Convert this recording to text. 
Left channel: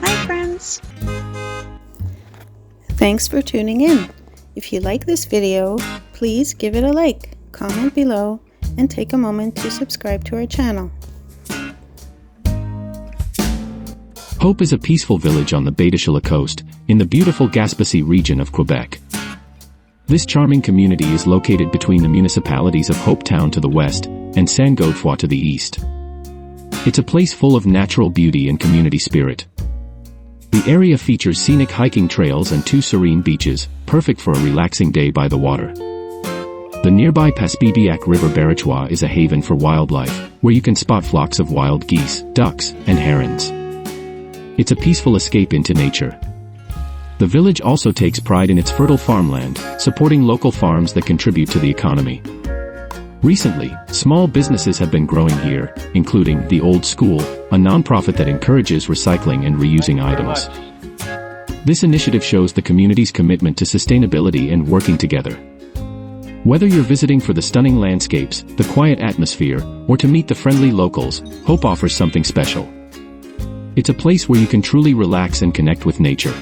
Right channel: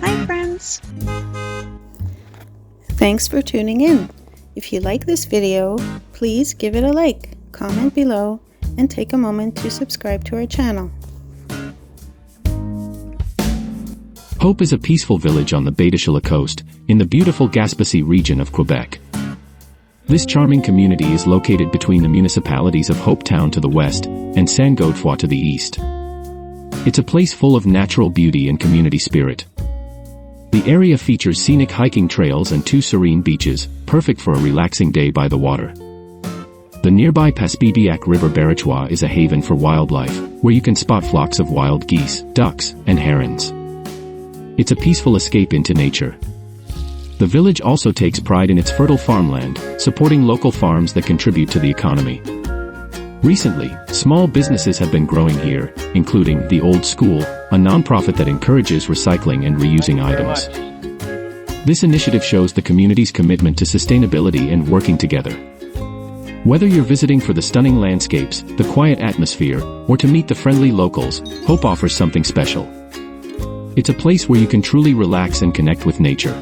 Hi friends! Thanks for tuning in. If you like this video, please give it a like, comment below, and take a moment to subscribe to our channel. Hope is a peaceful village on the Peninsula coast, in the beautiful Gaspé region of Quebec. This charming community is located between the municipalities of Hope Town to the west, and Saint-Godefroy to the east. It's a place full of natural beauty and community spirit. The area features scenic hiking trails and 2 serene beaches, perfect for a relaxing day by the water. The nearby Paspebiac River Barachois is a haven for wildlife, where you can spot flocks of wild geese, ducks, and herons. It's a peaceful escape into nature. The village also takes pride in its fertile farmland, supporting local farms that contribute to the economy. Recently, small businesses have been growing here, including The Old School, a non-profit that encourages recycling and reusing items. This initiative shows the community's commitment to sustainability and working together. Whether you're visiting for the stunning landscapes, the quiet atmosphere, or to meet the friendly locals, Hope offers something special. It's a place where you can truly relax and connect with nature.